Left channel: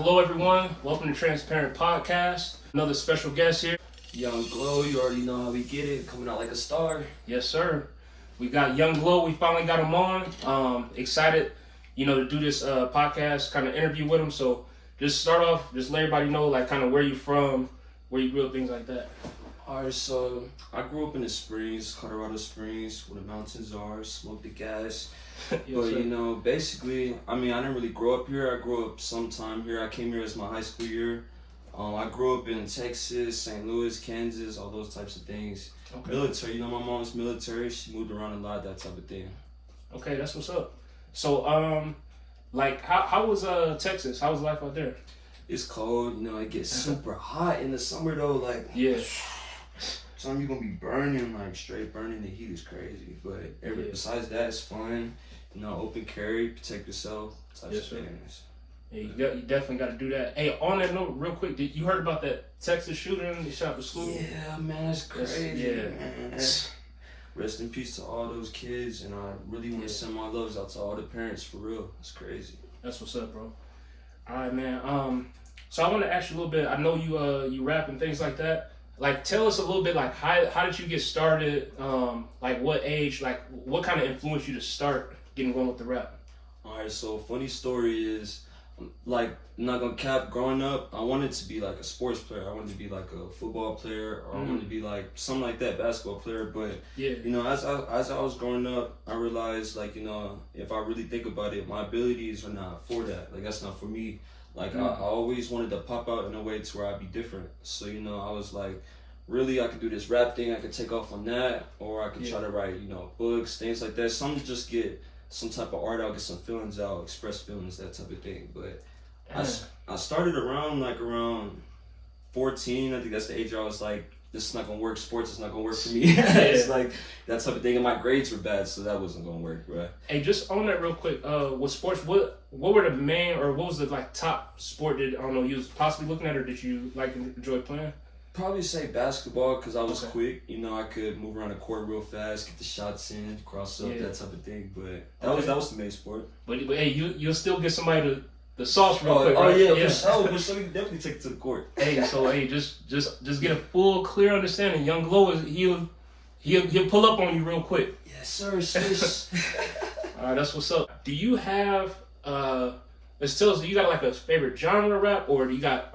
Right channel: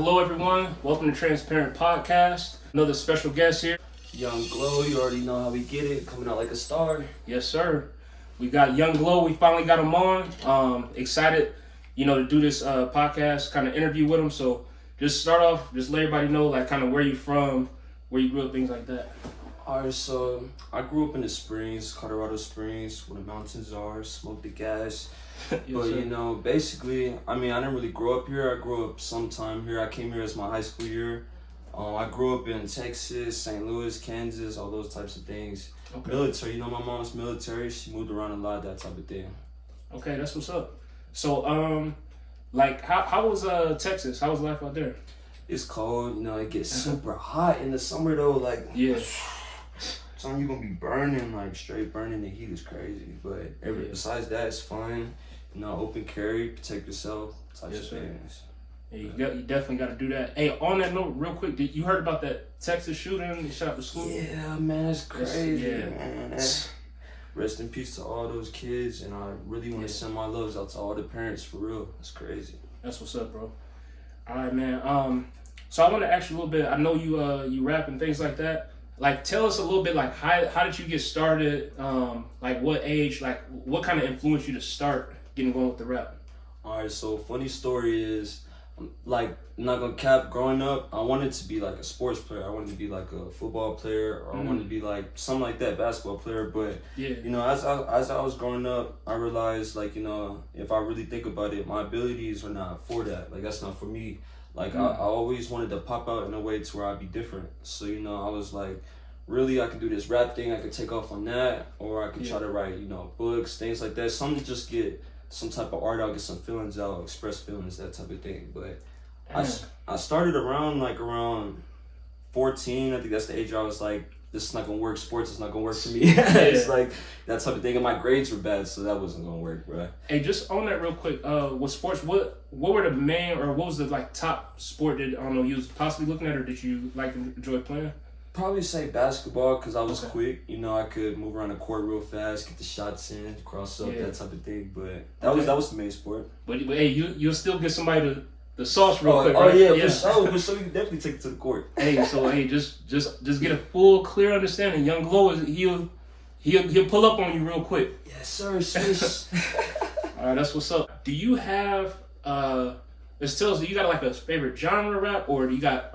Hello, everyone. Welcome to Transparent Podcast. Another special guest here. Young Glow, you already know how we get it. Coming out like a star. Yes, sir. We got Young Glow. We finally got him on. Excited, to do this podcast, kind of interview with him. So just start off, just let everybody know, like, kind of where you from, where you grew up, things like that. Alright, so I grew up in the Springs, Colorado Springs, where the mountains are, smoke the gas. Yes, But, sir. basically, I didn't really grow up here. I grew up sometime here. I came here as my high school year. I grew up in Texas, St. Louis, Kansas, all those types of things. Okay. Military, my mom's military. She moved around a lot, that type of thing. Okay, that's what's up. So, how was Texas? How was life out there? It's cold, it gets super hot in the summer though. Like, Yeah. son, you're gonna be burning, like straight burning. The heat is crazy. But besides that, it's fun. Open carry, protect yourself, types Yes, of sir. things. Yeah, you definitely got to do that. Hey, on that note, real quick, you heard about that Texas shooting? They shot the school? Yeah, man, it's crazy. Yeah. Man. Rest in peace to all those kids, and I really want to send my loves out to all the parents for real. It's crazy. That's what's up, bro. All right, man. So I want to ask you a little bit. I know you rap and things like that. Like, tell us a little bit, like, how did you get started? Like, what age? Like, what kind of influenced you to start getting going with the rap? All right, so funny story is, like, I'm not gonna cap. Growing up, I wanted to be like a sports player. I wanted to be like a football player, or I wanted to be like something like that, basketball player. But Yeah. as I was growing up, I realized, like, if I really think about it, my abilities are not for that. Like, that's not for me. Like, I always wanted to pop out in a way to where I'd be different. So, I was like, really, I could do this rap thing. I could take off on that, or I could try to write, books, things like that. Something to just get some type of art out, get some feelings out, express feelings, that type of thing. But I started around 14. I think that's the age where I was like, this is not gonna work. Sports is not gonna work for me. It's like that type of thing. And my grades were bad, so that wasn't gonna work, bro. Hey, just on that real quick. With sports, what were the main, or what was the top sport that you was possibly looking at, or did you enjoy playing? Probably say basketball, because I was quick. I could move around the court real fast, get the shots in, cross up, that type of thing. But that was the main sport. But hey, you'll still get somebody the sauce real quick, Oh right? yeah, for sure. For sure, you can definitely take it to the court. Just get a full, clear understanding. Young Glow he'll pull up on you real quick. Yes, sir. Sis. All right, that's what's up. Do you have let's tell us, do you got like a favorite genre of rap, or do you got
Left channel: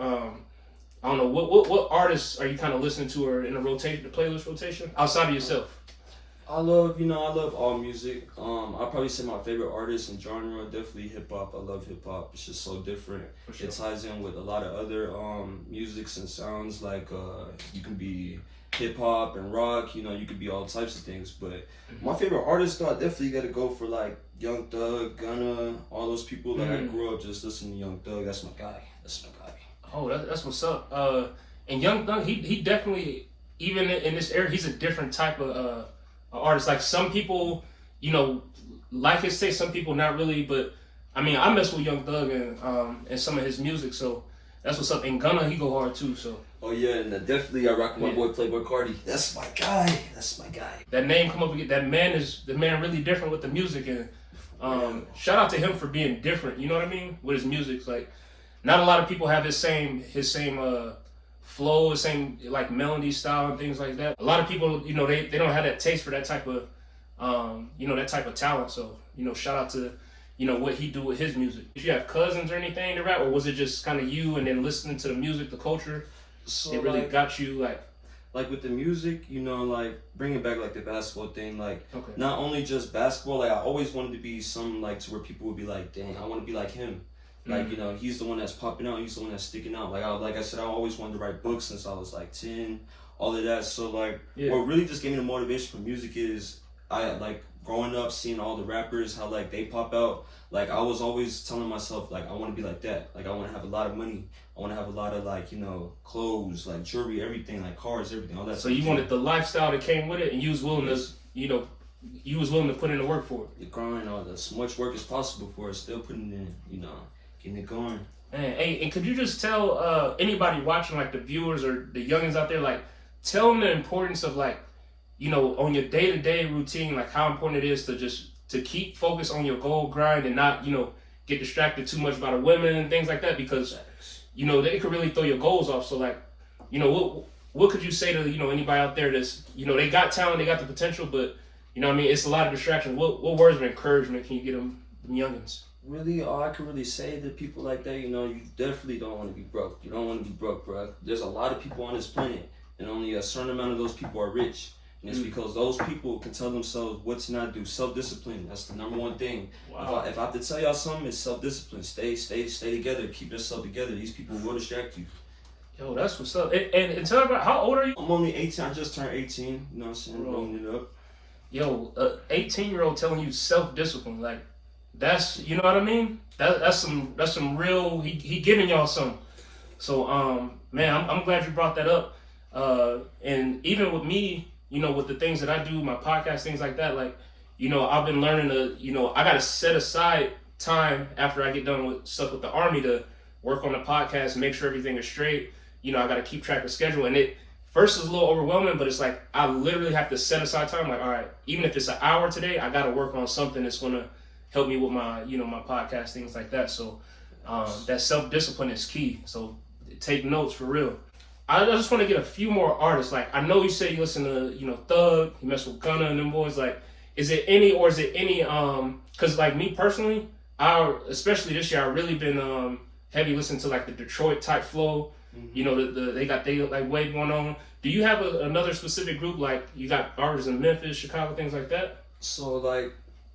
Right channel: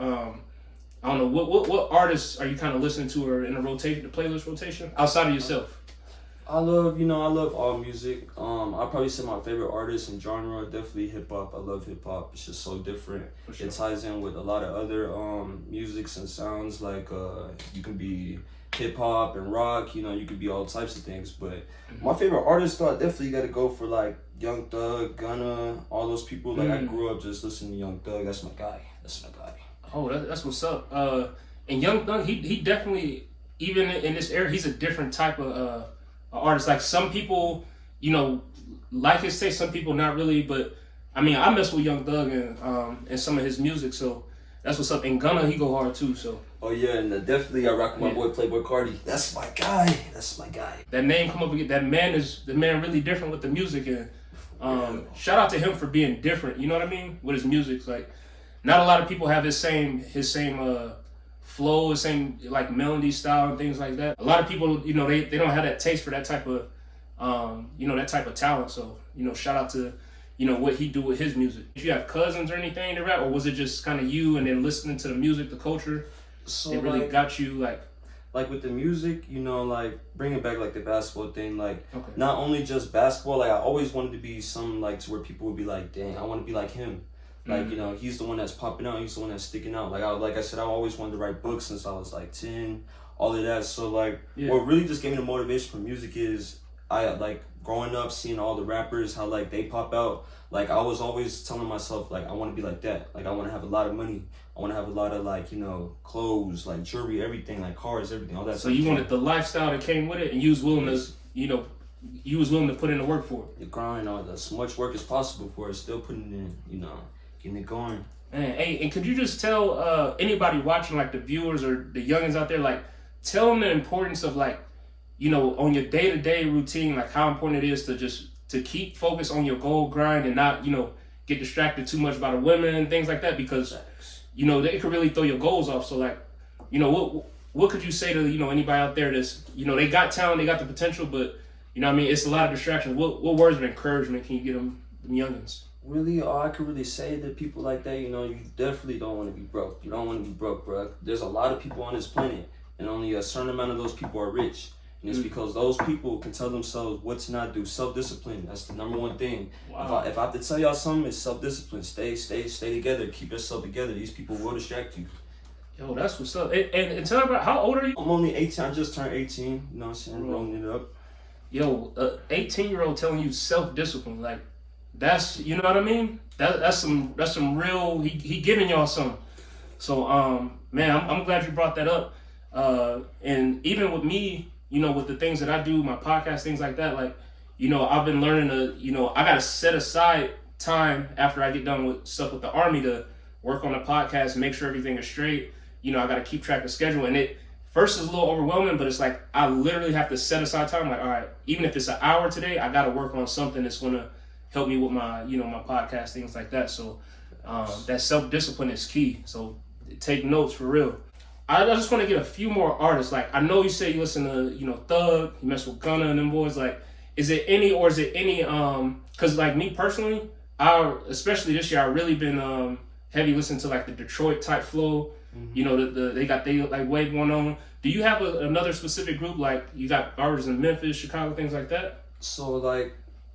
I don't know, what artists are you kind of listening to, or in the playlist rotation outside of yourself? I love all music. I'll probably say my favorite artist and genre, definitely hip hop. I love hip hop. It's just so different. For sure. It ties in with a lot of other musics and sounds. Like, you can be hip hop and rock. You could be all types of things. But my favorite artist, though, I definitely got to go for like Young Thug, Gunna, all those people. Like, I grew up just listening to Young Thug. That's my guy. Oh, that's what's up. And Young Thug, he definitely, even in this era, he's a different type of artist. Like, some people, like his taste, some people not really. But I mess with Young Thug and some of his music, so that's what's up. And Gunna, he go hard too. So. Oh yeah, and definitely I rock with my boy Playboy Cardi. That's my guy. That name come up again. That man is really different with the music, and shout out to him for being different. You know what I mean? With his music, like, not a lot of people have his same flow, his same like melody style and things like that. A lot of people, they don't have that taste for that type of that type of talent. So, shout out to what he do with his music. Did you have cousins or anything to rap, or was it just kind of you and then listening to the music, the culture? So it really got you like with the music, like bringing back like the basketball thing, like okay. Not only just basketball, like I always wanted to be something like to where people would be like, dang, I want to be like him. Like, he's the one that's popping out, he's the one that's sticking out. Like I said, I always wanted to write books since I was like 10, all of that. So like what really just gave me the motivation for music is I like growing up seeing all the rappers, how like they pop out. Like, I was always telling myself, like, I want to be like that. Like, I want to have a lot of money. I want to have a lot of, like, clothes, like, jewelry, everything, like, cars, everything, all that. So you wanted the lifestyle that came with it, and you was willing to, you was willing to put in the work for it. The grind, all that. As much work as possible for it, still putting it in, getting it going. Man, hey, and could you just tell anybody watching, like, the viewers or the youngins out there, like, tell them the importance of, like, on your day-to-day routine, like, how important it is to just to keep focus on your goal grind and not, get distracted too much by the women and things like that, because you know they could really throw your goals off. So like, you know, what could you say to, you know, anybody out there that's, you know, they got talent, they got the potential, but you know what I mean, it's a lot of distractions. What words of encouragement can you get them youngins? Really, all I could really say to people like that, you know, you definitely don't want to be broke. You don't want to be broke, bro. There's a lot of people on this planet, and only a certain amount of those people are rich. And it's because those people can tell themselves what to not do. Self-discipline, that's the number one thing. Wow. If I have to tell y'all something, it's self-discipline. Stay together. Keep yourself together. These people will distract you. Yo, that's what's up. And tell me about, how old are you? I'm only 18. I just turned 18. You know what I'm saying? Rolling it up. Yo, 18-year-old telling you self-discipline, like, that's, you know what I mean? That's some real, he giving y'all some. So, man, I'm glad you brought that up. And even with me, you know, with the things that I do, my podcast, things like that, like, you know, I've been learning to, you know, I got to set aside time after I get done with stuff with the Army to work on the podcast and make sure everything is straight. You know, I got to keep track of schedule. And it first is a little overwhelming, but it's like, I literally have to set aside time. Like, all right, even if it's an hour today, I got to work on something that's going to help me with my, you know, my podcast, things like that. So that self-discipline is key. So take notes for real. I just want to get a few more artists. Like, I know you say you listen to, you know, Thug, you mess with Gunna and them boys. Like, is it any, because like me personally, especially this year, I really been heavy listening to like the Detroit type flow. You know, they got like wave going on. Do you have another specific group? Like, you got artists in Memphis, Chicago, things like that? So like,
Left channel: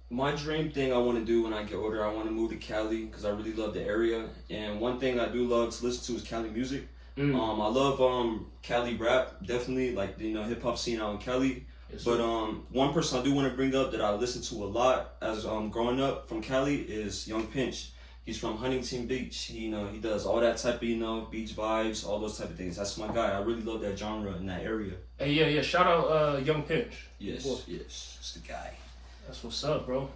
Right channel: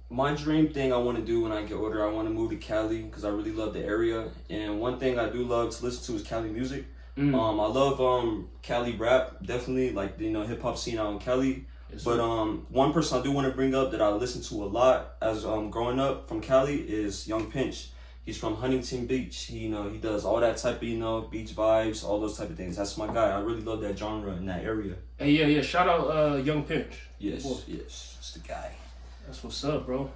my dream thing I want to do when I get older, I want to move to Cali because I really love the area. And one thing I do love to listen to is Cali music. I love Cali rap, definitely, like, you know, hip hop scene out in Cali. Yes, but one person I do want to bring up that I listen to a lot as growing up from Cali is Young Pinch. He's from Huntington Beach. He does all that type of, you know, beach vibes, all those type of things. That's my guy. I really love that genre in that area. Hey, yeah. Shout out Young Pinch. Yes, it's the guy. That's what's up, bro.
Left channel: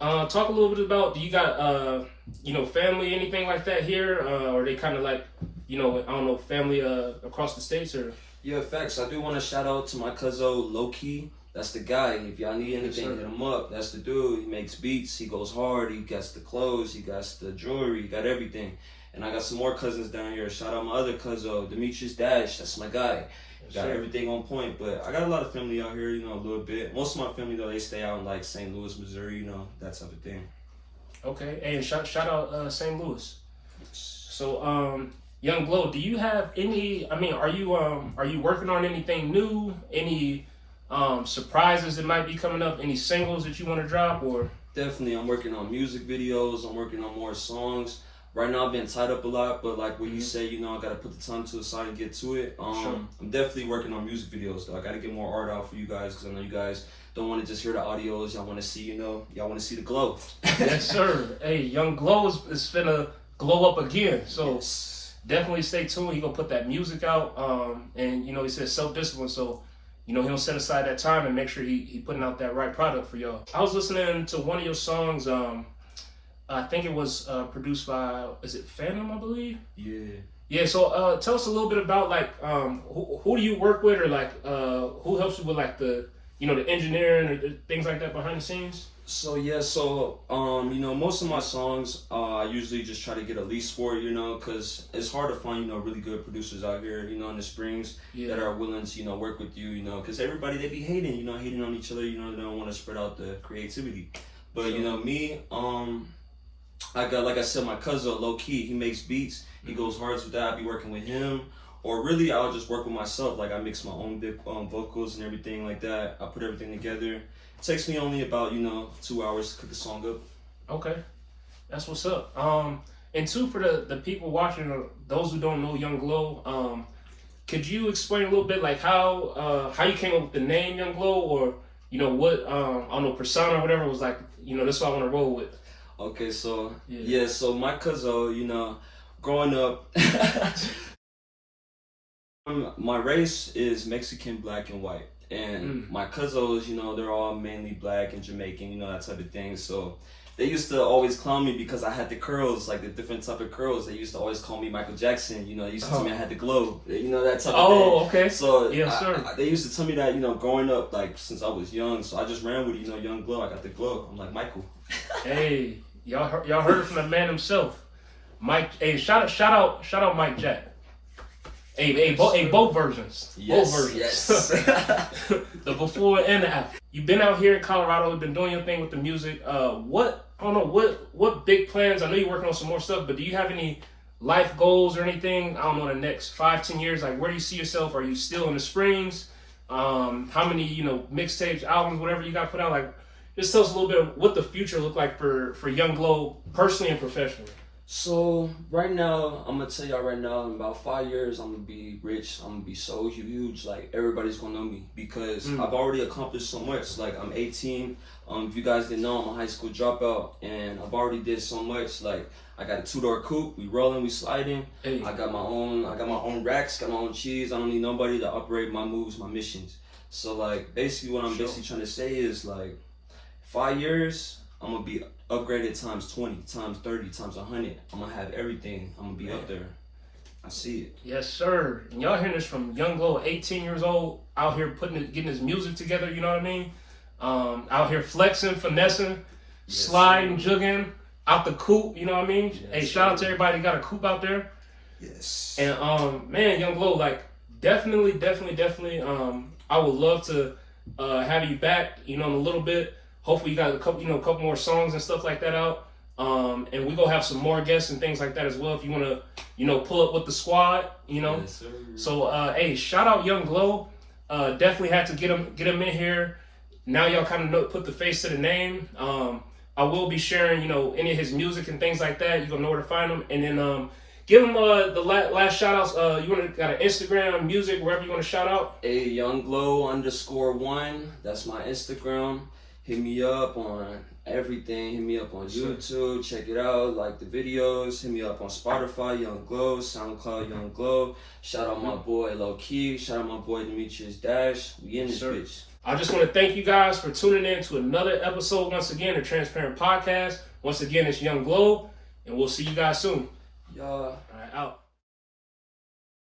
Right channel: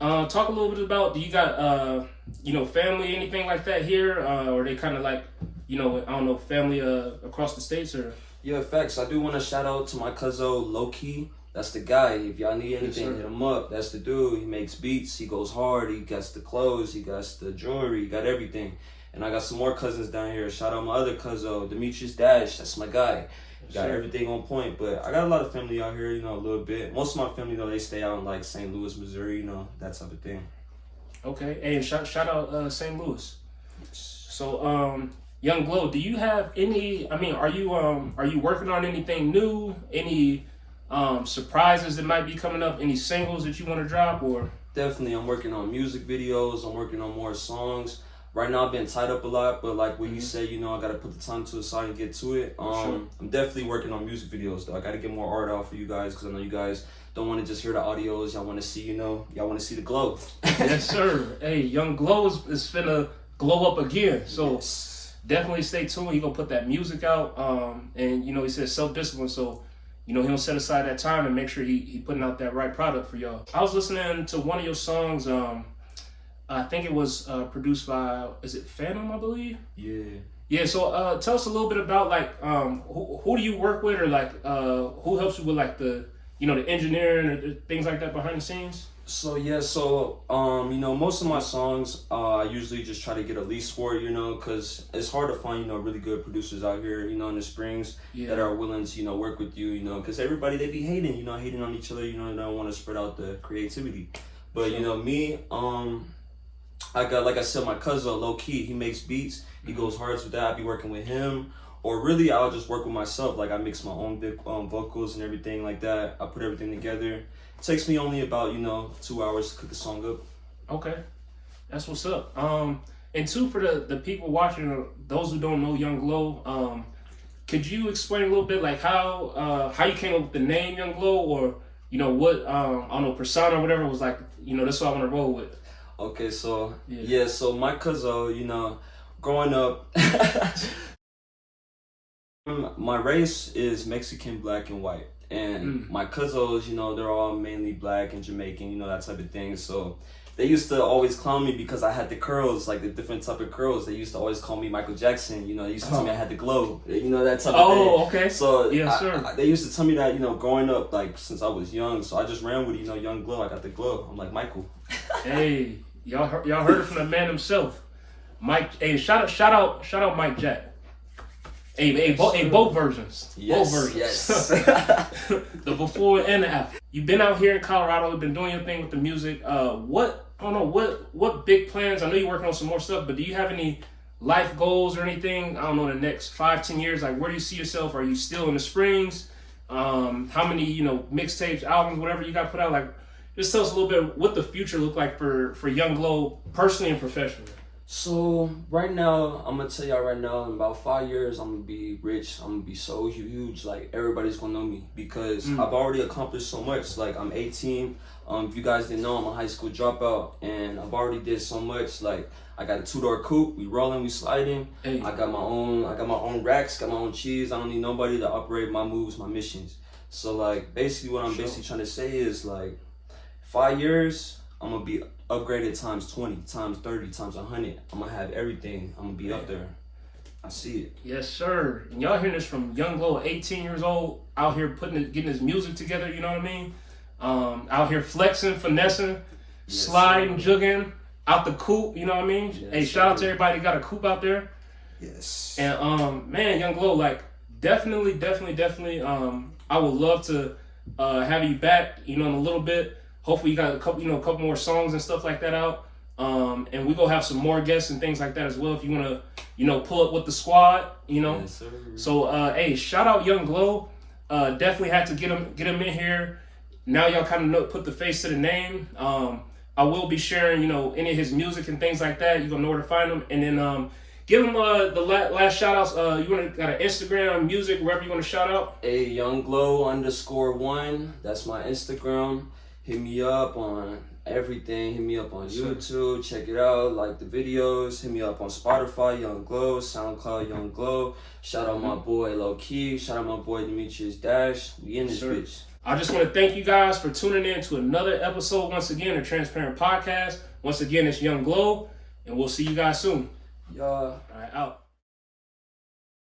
Talk a little bit about, do you got, you know, family, anything like that here? Or are they kind of like, you know, I don't know, family across the states or? Yeah, facts. I do want to shout out to my cousin Low Key. That's the guy. If y'all need anything, hit him up. That's the dude. He makes beats. He goes hard. He got the clothes. He got the jewelry. He got everything. And I got some more cousins down here. Shout out my other cousin, Demetrius Dash. That's my guy. Got everything on point. But I got a lot of family out here, you know, a little bit. Most of my family, though, they stay out in like St. Louis, Missouri, you know, that type of thing. Okay. Hey, and shout out St. Louis. So, Young Glow, do you have any, I mean, are you working on anything new? Any surprises that might be coming up? Any singles that you want to drop? Or definitely, I'm working on music videos. I'm working on more songs. Right now, I've been tied up a lot, but like what you say, you know, I gotta put the time to the side and get to it. I'm definitely working on music videos, though. I gotta get more art out for you guys because I know you guys don't want to just hear the audios. Y'all want to see, you know, y'all want to see the glow. Yes, sir. Hey, Young Glow is finna glow up again. So definitely stay tuned. He gonna put that music out. And you know, he says self-discipline. So, you know, he'll set aside that time and make sure he putting out that right product for y'all. I was listening to one of your songs. I think it was produced by, is it Phantom, I believe? Yeah. Yeah, so tell us a little bit about like who do you work with, or like who helps you with like the, you know, the engineering or things like that behind the scenes? So you know, most of my songs I usually just try to get a lease for it, you know, because it's hard to find, you know, really good producers out here, you know, in the Springs that are willing to, you know, work with you, you know, because everybody, they be hating on each other, you know, they don't want to spread out the creativity. But you know, me, I got, like I said, my cousin Low Key. He makes beats. He goes hard with that. I be working with him, or really, I'll just work with myself. Like I mix my own big vocals and everything like that. I put everything together. It takes me only about 2 hours to cook a song up. Okay, that's what's up. And two, for the people watching, those who don't know Young Glow, could you explain a little bit like how you came up with the name Young Glow, or you know what I don't know, persona or whatever was like, you know, that's what I want to roll with. Okay, so so my cousin, you know, growing up, my race is Mexican, black, and white, and my cousins, you know, they're all mainly black and Jamaican, you know, that type of thing. So they used to always clown me because I had the curls, like the different type of curls. They used to always call me Michael Jackson. You know, they used to tell me I had the glow. You know, that type of thing. Oh, okay. So yes, sir. They used to tell me that, you know, growing up, like since I was young. So I just ran with, you know, Young Glow. I got the glow. I'm like Michael. Hey, Y'all heard it from the man himself. Mike, hey, shout out Mike Jack. Hey, both versions. Yes, both versions. Yes. The before and the after. You've been out here in Colorado, you've been doing your thing with the music. What big plans? I know you're working on some more stuff, but do you have any life goals or anything? I don't know, the next 5-10 years. Like, where do you see yourself? Are you still in the Springs? How many, mixtapes, albums, whatever you got put out? Like, just tell us a little bit of what the future look like for Young Glow, personally and professionally. So right now, I'm gonna tell y'all right now, in about 5 years, I'm gonna be rich. I'm gonna be so huge, like everybody's gonna know me because I've already accomplished so much. Like I'm 18. If you guys didn't know, I'm a high school dropout, and I've already did so much. Like I got a 2-door coupe. We rolling, we sliding. Hey. I got my own racks, got my own cheese. I don't need nobody to operate my moves, my missions. So like basically, what I'm basically trying to say is like 5 years, I'm gonna be upgraded times 20, times 30, times 100. I'm gonna have everything. I'm gonna be up there. I see it. Yes, sir. And y'all hearing this from Young Glow, 18 years old, out here getting his music together. You know what I mean? Out here flexing, finessing, sliding, jugging out the coop. You know what I mean? Yes, hey, shout out to everybody that got a coop out there. Yes. And man, Young Glow, like definitely. I would love to have you back. In a little bit. Hopefully you got a couple more songs and stuff like that out. And we gonna have some more guests and things like that as well. If you wanna, pull up with the squad, Yes, sir. So hey, shout out Young Glow. Definitely had to get him in here. Now y'all kind of put the face to the name. I will be sharing, any of his music and things like that. You're gonna know where to find him. And then give him the last shout outs. Got an Instagram, music, wherever you want to shout out. A YoungGlow_1. That's my Instagram. Hit me up on everything. Hit me up on YouTube. Check it out. Like the videos. Hit me up on Spotify, Young Glow, SoundCloud, Young Glow. Shout out my boy Low Key. Shout out my boy Demetrius Dash. We in this bitch. I just want to thank you guys for tuning in to another episode once again of Transparent Podcast. Once again, it's Young Glow, and we'll see you guys soon. Y'all. All right, out.